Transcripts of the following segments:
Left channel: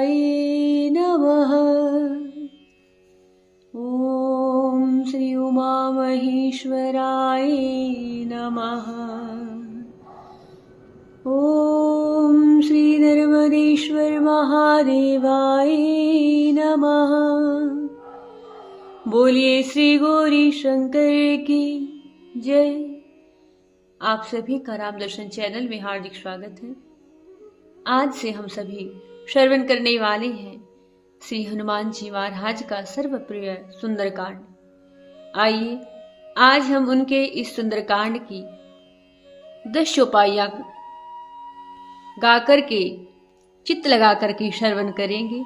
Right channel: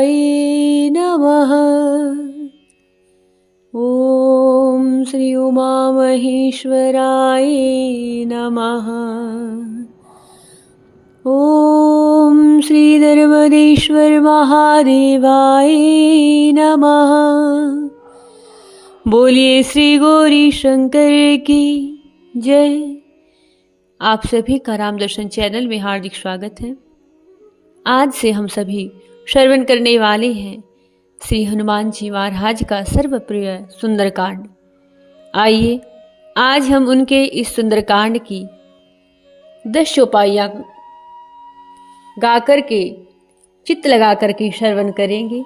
नमः। ॐ श्री उमामहेश्वराय नमः। ॐ श्री नर्मदेश्वर महादेवाय नमः। बोलिए श्री गौरी शंकर की जय। आप सभी का राम दर्शन चैनल में हार्दिक स्वागत है। आज से हम सभी श्रवण करने वाले हैं श्री हनुमान जी महाराज का सर्वप्रिय सुंदरकांड। आइए आज हम उनके इस सुंदरकांड की 10 चौपाइयां गा करके चित्त लगा करके श्रवण करेंगे।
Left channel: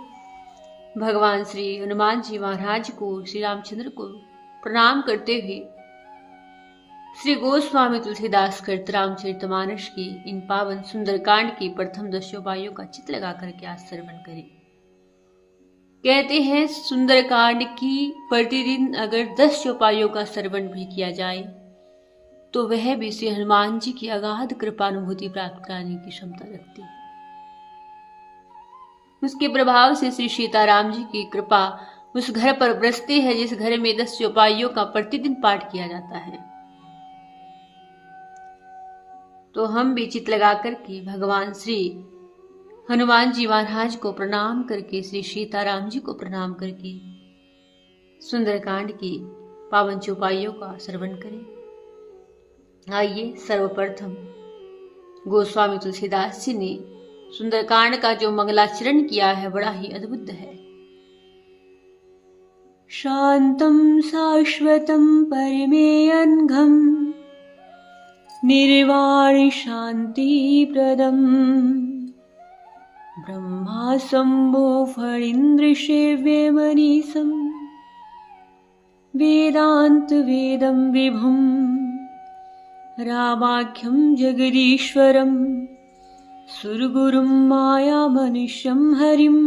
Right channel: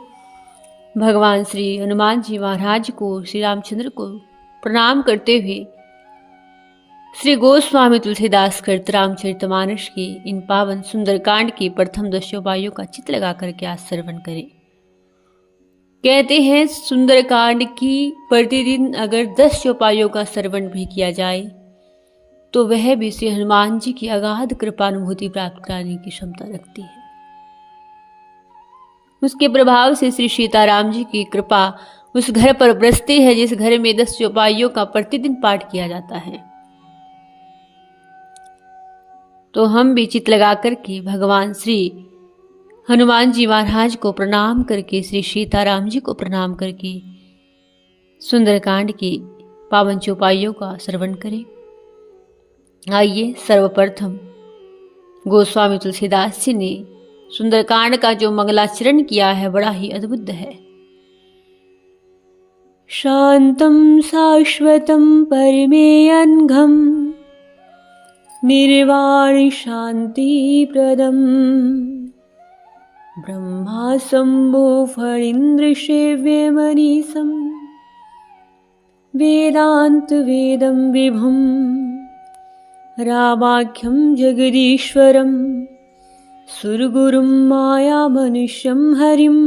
भगवान श्री हनुमान जी महाराज को, श्री रामचंद्र को प्रणाम करते हुए श्री गोस्वामी तुलसीदास कृत रामचरितमानस की इन पावन सुंदरकांड की प्रथम 10 चौपाइयों का चित्त लगा करके आज श्रवण करें। कहते हैं सुंदरकांड की प्रतिदिन अगर 10 चौपाइयों का श्रवण भी किया जाए तो वह भी श्री हनुमान जी की अगाध कृपानुभूति प्राप्त करने की क्षमता रखती है। उसके प्रभाव से श्री सीताराम जी की कृपा उस घर पर बरसती है जिस घर में 10 चौपाइयों का प्रतिदिन पाठ किया जाता है। तो हम भी चित्त लगा करके भगवान श्री हनुमान जी महाराज को प्रणाम करके, श्री सीताराम जी को प्रणाम करके सुंदरकांड की पावन चौपाइयों का श्रवण करें। आइए सर्वप्रथम गोस्वामी तुलसीदास जी ने सुंदरकांड का जो मंगलाचरण किया है बड़ा ही अद्भुत है। शांतं शाश्वतं परमेयनघं निर्वाण शांति प्रदम ब्रह्मा शंभो फणीन्द्र सेव्य मनीषं वेदांत वेदं विभुं रामाख्यं जगदीश्वरं सुरगुरुं माया मनुष्यं हरिं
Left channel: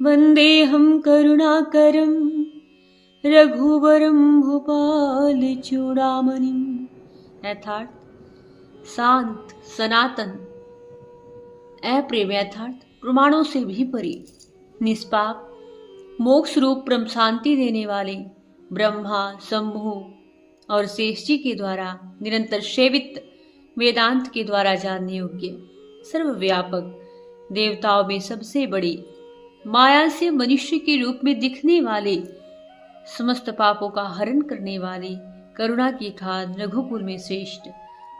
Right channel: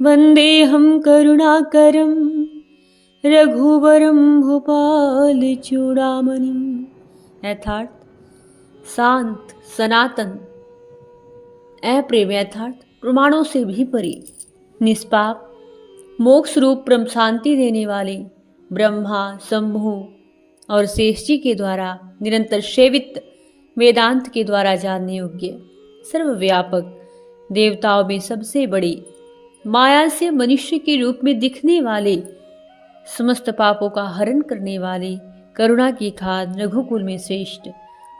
वन्देऽहं करुणाकरं रघुवरं भूपालचूडामणिम्। अर्थात शांत, सनातन, अप्रेम अर्थात प्रमाणों से भी परे, निष्पाप, मोक्ष रूप परम शांति देने वाले ब्रह्मा, शंभु और शेष जी के द्वारा निरंतर सेवित, वेदांत के द्वारा जानने योग्य, सर्वव्यापक, देवताओं में सबसे बड़े, माया से मनुष्य के रूप में दिखने वाले, समस्त पापों का हरण करने वाले, करुणा की खाद, रघुकुल में श्रेष्ठ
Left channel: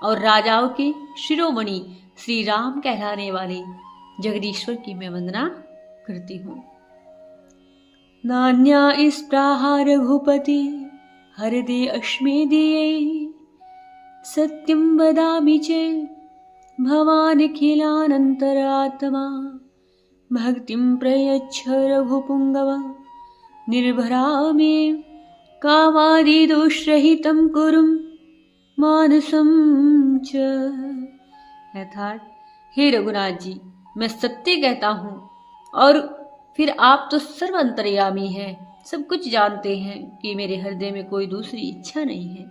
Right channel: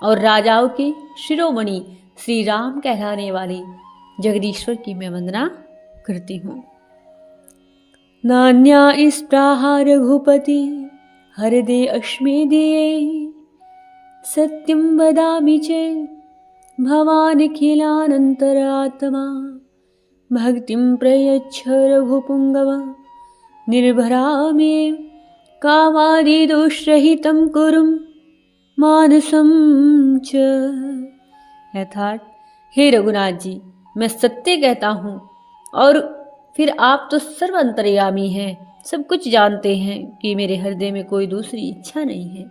और राजाओं के शिरोमणि श्री राम कहलाने वाले जगदीश्वर की मैं वंदना करती हूँ। नान्या स्पृहा रघुपति हृदय अश्मे दिए सत्यं वदामि चेत् भवान् अखिलानन्तरात्मा भक्तिं प्रयच्छ रघुपुङ्गव निर्भरा मे कामादिदोषरहितं कुरु मानसं च। अर्थात हे रघुनाथ जी, मैं सत्य कहता हूँ और फिर आप तो सर्व अंतर्यामी हैं, सब कुछ जानते हैं कि मेरे हृदय में कोई दूसरी इच्छा नहीं है।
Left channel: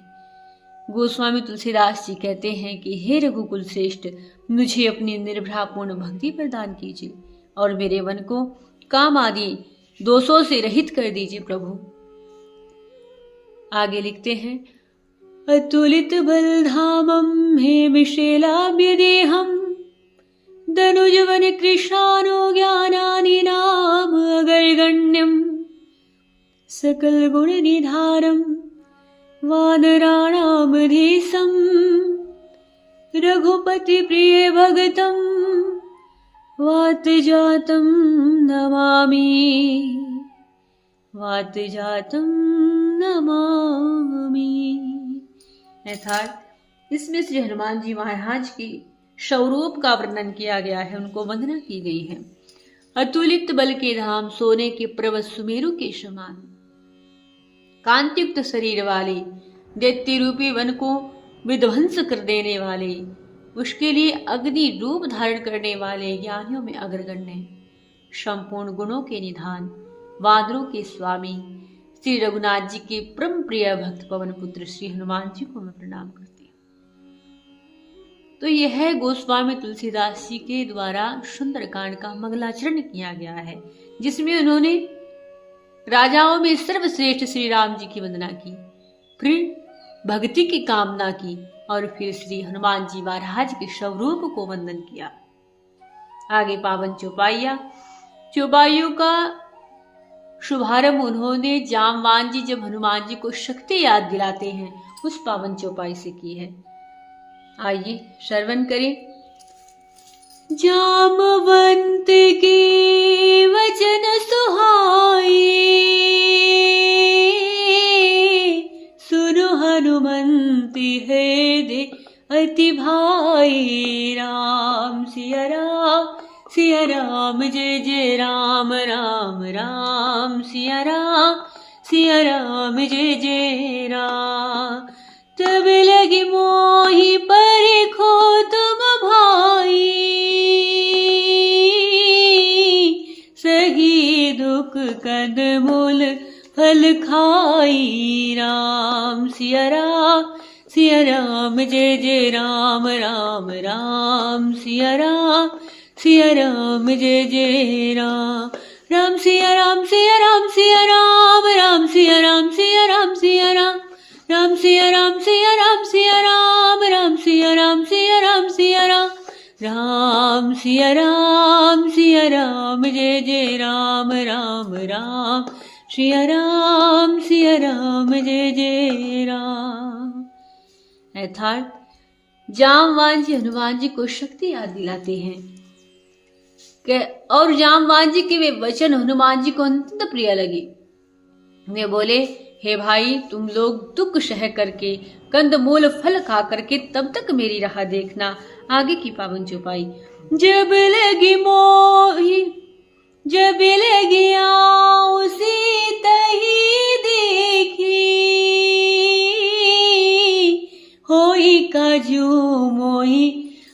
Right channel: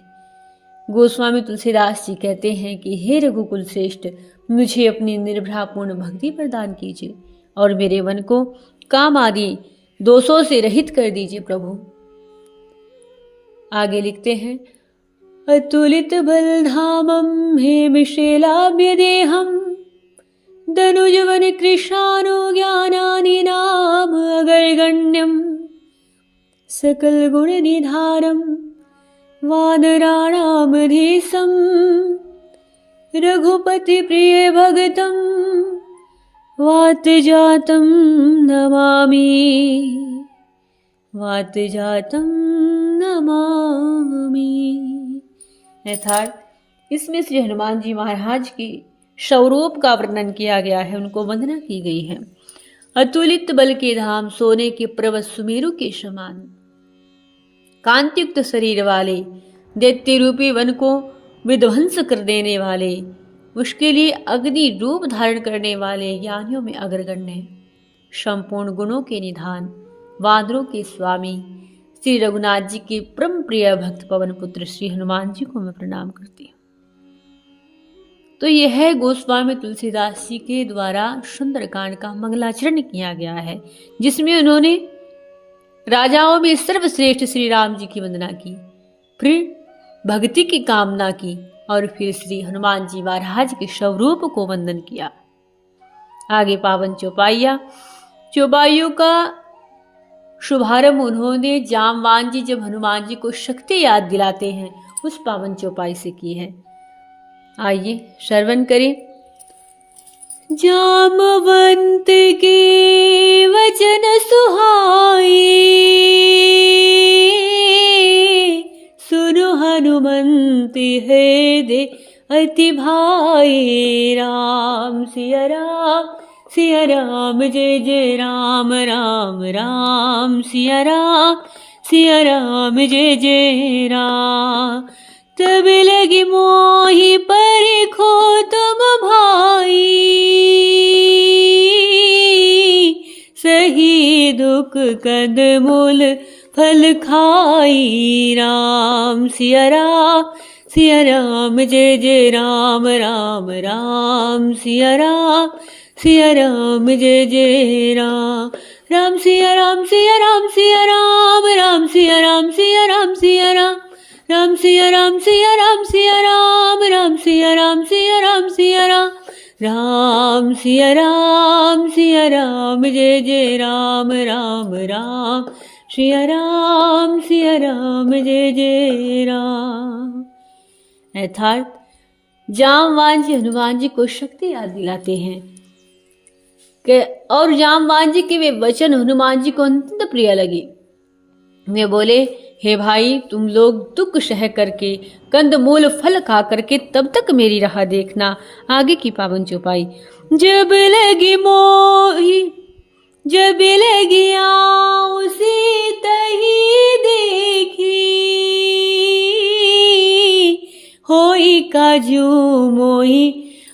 गोस्वामी तुलसीदास जी कहते हैं कि हे रघुकुल श्रेष्ठ, मुझे अपनी निर्भरापूर्ण भक्ति प्रदान कीजिए और मेरे मन को काम आदि दोषों से रहित कर दीजिए प्रभु। आगे लिखते हैं अतुलित बलधामं हेमशैलाभ्य देहं धनुजवन कृशानो ज्ञानानि नाम अगर्गण्यं सकल गुण निधानम् वानराणामधीशं रघुपति प्रिय भगतं वातजातं नमामि वातजातं नमामि। अर्थात इसमें श्री हनुमान जी महाराज की स्वरूप का वर्णन किया गया है, उनको वंदना की गई है। अतुलित बल के धाम, सोने के पर्वत सुमेरु के समान, कांतियुक्त शरीर वाले, दैत्य रूपी वन को विध्वंस कर देने वाले, उसके लिए अग्नि रूप धारण करने वाले ज्ञानियों में अग्रगण्य, संपूर्ण गुणों के निधान, वानरों के स्वामी श्री रघुनाथ जी के परम प्रिय भक्त पवन पुत्र श्री हनुमान जी को मैं प्रणाम करती हूँ। तो यह गोस्वामी तुलसीदास जी के द्वारा सुंदरकांड का मंगलाचरण किया गया है, जिसमें उन्होंने राजाओं में सर्वश्रेष्ठ श्री राम जी की वंदना की, फिर भक्ति की कामना की और फिर श्री हनुमान जी महाराज के स्वरूप को वंदन किया। आगे पावन चौपाइयों का शुभारंभ उन्होंने जामवान जी जब हनुमान जी को शक्ति याद दिलाते हैं उस पावन चौपाई से की है। आइए श्रवण करें। जामवंत के वचन सुहाए, सुनो हनुमंत है दे अति भाई। राम सिया राम जय जय राम राम राम सिया राम जय जय राम। तब लगी मोहि परिखो तुम भाई, सही दुख कंदमूल फल खाई। राम सिया राम जय जय राम राम राम सिया राम जय जय राम। राम सिया राम सिया राम सिया राम राम सिया राम सिया राम सिया राम। राम सिया राम सिया राम सिया राम राम सिया राम सिया राम सिया राम। राम सिया राम जय जय राम राम राम सिया राम जय जय राम। अर्थात जामवान जी हनुमान जी को शक्ति याद दिलाते हैं और जामवान जी के वे वचन हनुमान जी को अत्यंत प्रिय लगे। वे बोले, हे भाई, तुम लोग दुख सह करके कंदमूल फल खा करके तब तक मेरी राह देखना। आगे की पावन चौपाई। जब लगी मोही जब लगी आओ सीता ही देखी, होई काजू मोही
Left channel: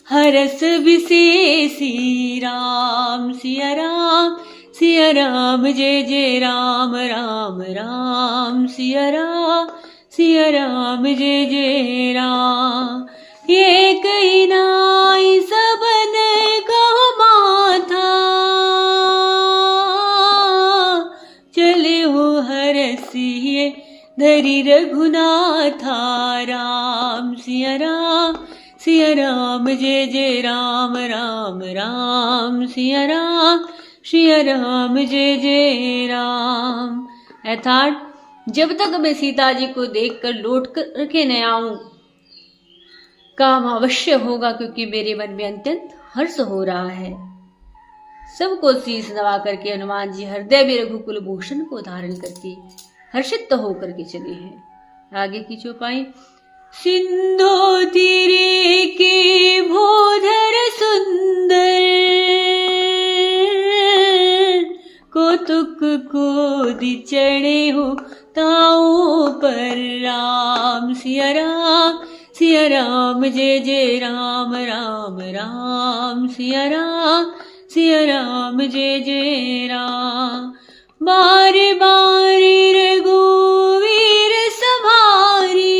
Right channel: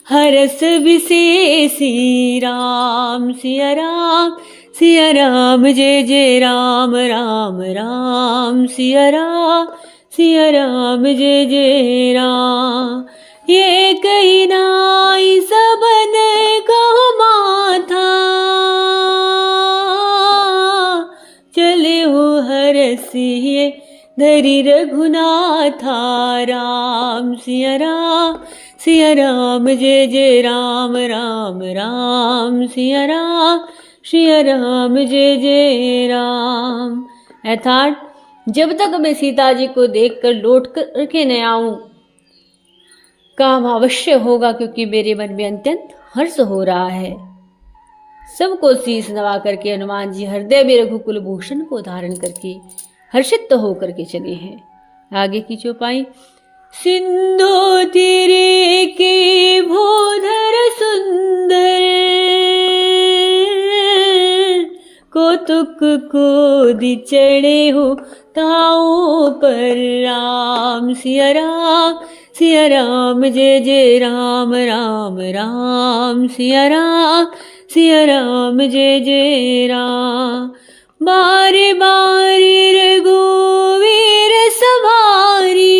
हरस विशेषी। राम सिया राम जय जय राम राम राम सिया राम जय जय राम। ये कही नाई सबन कहो माथा, चले हो हरसिए धरी रघुनाथा। राम सिया राम जय जय राम राम राम सिया राम जय जय राम। अर्थात जब तक मैं सीता जी को देखकर लौट कर के न आऊं, काम अवश्य होगा, क्योंकि मेरे मन में अत्यंत हर्ष हो रहा है। सबको शीश नवा करके हनुमान जी हृदय में रघुकुल भूषण को धारण करके हर्षित होकर के चले हैं। आगे की चौपाई। सिंधु तीरे के भूधर सुंदर, कौतुक को दी चढ़े हो ताऊ पर। राम सिया राम जय जय राम राम राम सिया राम जय जय राम। बारी बारी रघुवीर सवारी,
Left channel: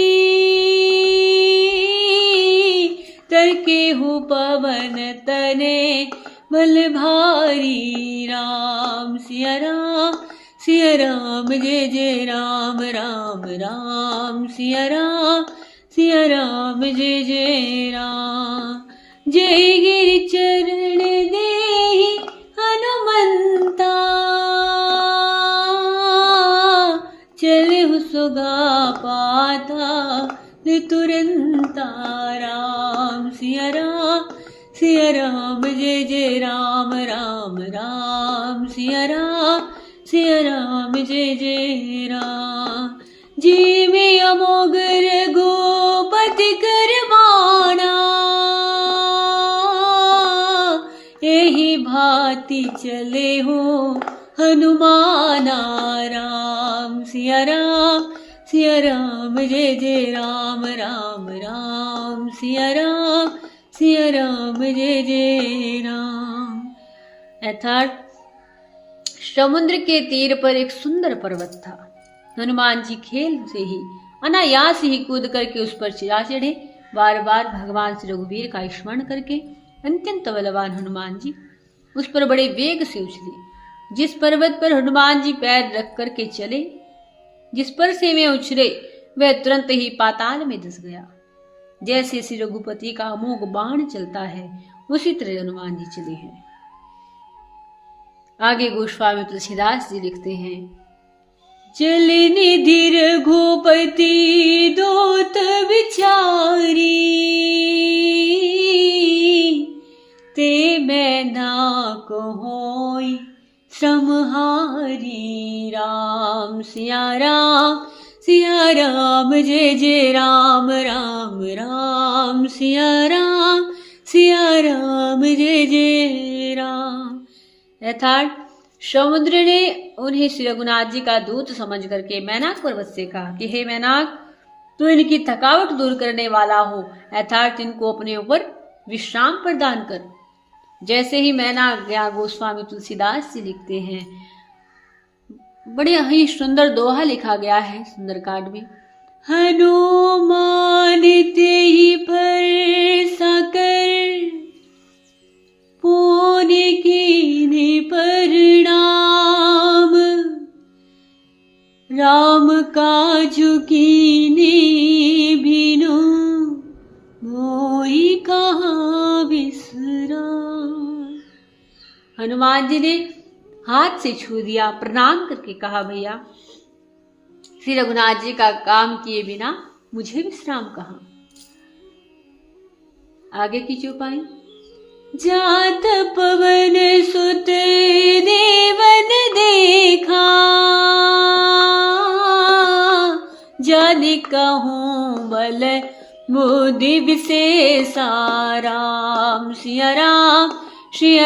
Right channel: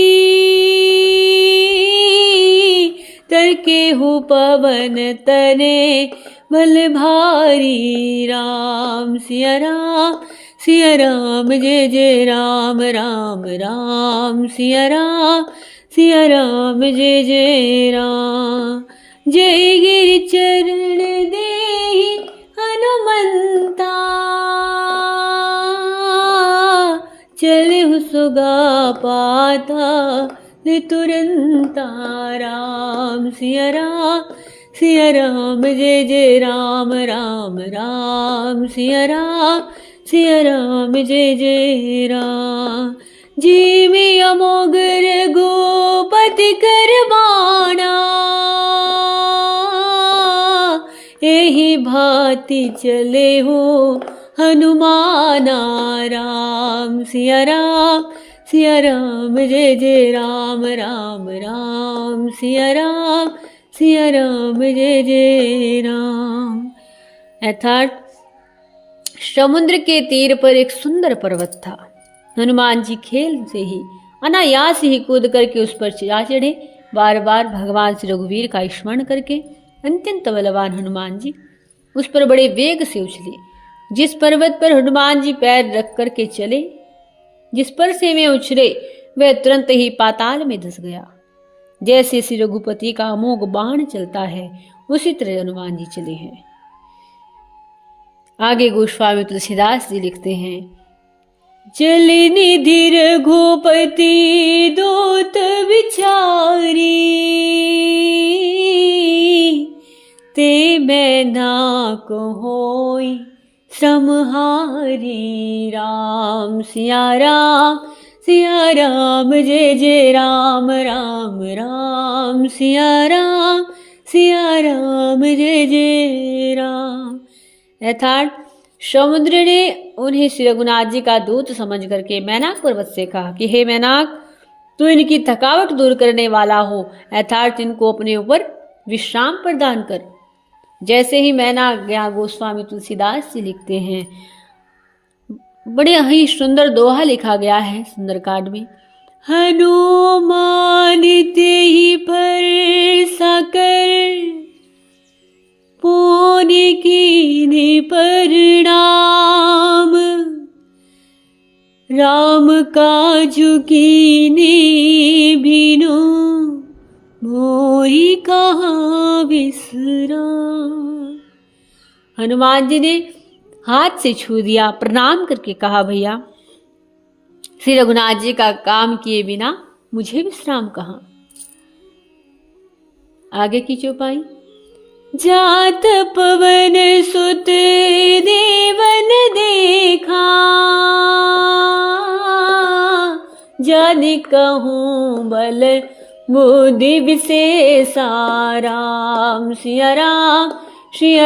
तरके हो पवन तने बल भारी। राम सिया राम जय जय राम राम राम सिया राम जय जय राम। जय गिरि चरण देहि हनुमंता, चले हो सुगा पाता तुरंता। राम सिया राम जय जय राम राम राम सिया राम जय जय राम। जी में अमोगर गोपति करवाना, यही भांति चले हो हनुमाना। राम सिया राम जय जय राम राम राम सिया राम जय जय राम। अर्थात समुद्र के तीर पर एक सुंदर पर्वत था। हनुमान जी खेल से ही अनायास ही कूद करके उस पर जा चढ़े। बार बार भगवान श्री रघुवीर का स्मरण करके अत्यंत बलवान हनुमान जी उस पर बड़े वेग से उछले। जिस पर्वत पर हनुमान जी पैर रख करके चले, जिस पर से वे उछले, वह तुरंत ही पाताल में धंस गया। जैसे श्री रघुपति का अमोघ बाण चलता है, उसी तरह हनुमान जी चले हैं। आगे गोस्वामी तुलसीदास जी लिखते हैं, जल निधि रघुपति दोत विचारी, ते मैना कहोई श्रमहारी। राम सिया राम जय जय राम राम राम सिया राम जय जय राम। अर्थात समुद्र ने उन्हें श्री रघुनाथ जी का दूत समझ करके मैनाक पर्वत से कहा कि हे मैनाक, तू इनकी थकावट दूर करने वाला हो, अर्थात इनको अपने ऊपर विश्राम प्रदान कर। जैसे ही मैनाक गया, गोस्वामी तुलसीदास जी लिखते हैं, बड़े ही सुंदर दोहा लिखा गया है सुंदरकांड में, हनुमान ते ही पर साकर, पुण्य कीने परिणाम, राम काजु कीने बिनु, मोहि कहाँ विश्राम। हनुमान जी ने हाथ से छू दिया, प्रणाम करके कहा, भैया श्री रघुनाथ जी का काम किए बिना मुझे विश्राम कहाँ। आगे की चौपाई, जात पवन सुत देवन देखा, जन कहूँ बल बुद्धि विशेषा। राम सिया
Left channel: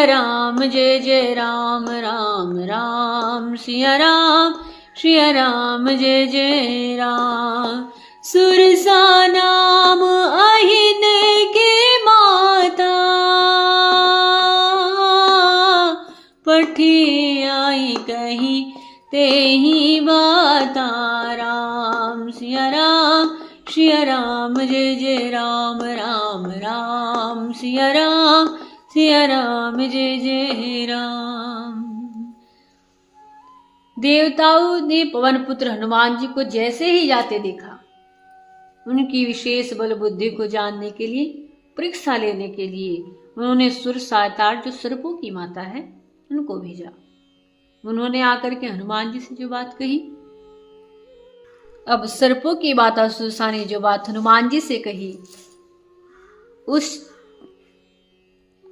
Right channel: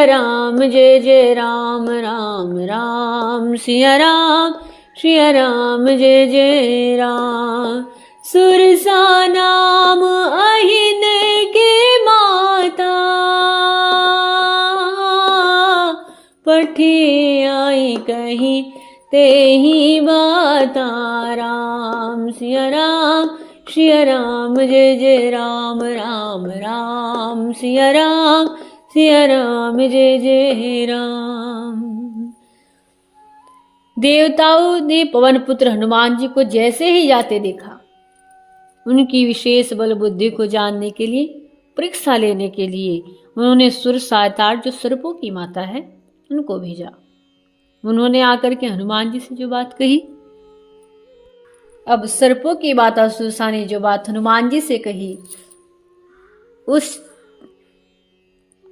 राम जय जय राम राम राम सिया राम जय जय राम। सुरसा नाम अहिन के माता, पठे आई कहीं ते ही बाता। राम सिया राम जय जय राम राम राम सिया राम जय जय राम। देवताओं ने पवन पुत्र हनुमान जी को जैसे ही जाते देखा, उनकी विशेष बल बुद्धि को जानने के लिए, परीक्षा लेने के लिए उन्होंने सुरसा अर्थात जो सर्पों की माता है उनको भेजा। उन्होंने आकर के हनुमान जी से जो बात कही, अब सर्पों की माता सुरसा ने जो बात हनुमान जी से कही उस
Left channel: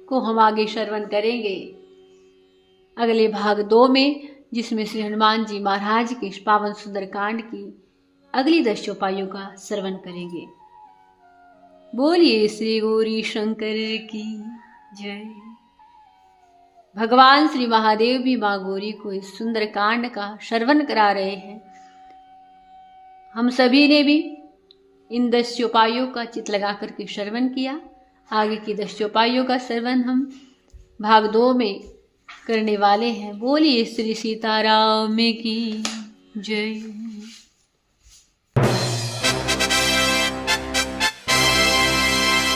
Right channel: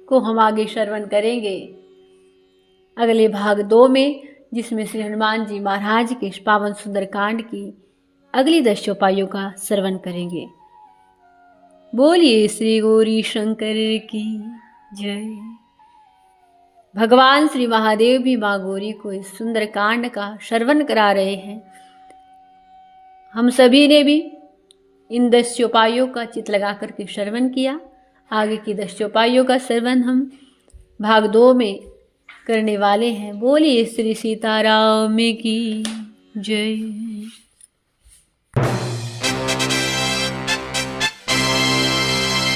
को हम आगे श्रवण करेंगे अगले भाग 2 में, जिसमें श्री हनुमान जी महाराज के पावन सुंदर कांड की अगली 10 चौपाइयों का श्रवण करेंगे। बोलिए श्री गौरी शंकर की जय। भगवान श्री महादेव भी माँ गौरी को इस सुंदर कांड का श्रवण करा रहे हैं। हम सभी ने भी इन 10 चौपाइयों का चित्त लगा करके श्रवण किया। आगे की 10 चौपाइयों का श्रवण हम भाग 2 में करने वाले हैं। बोलिए श्री सीताराम की जय।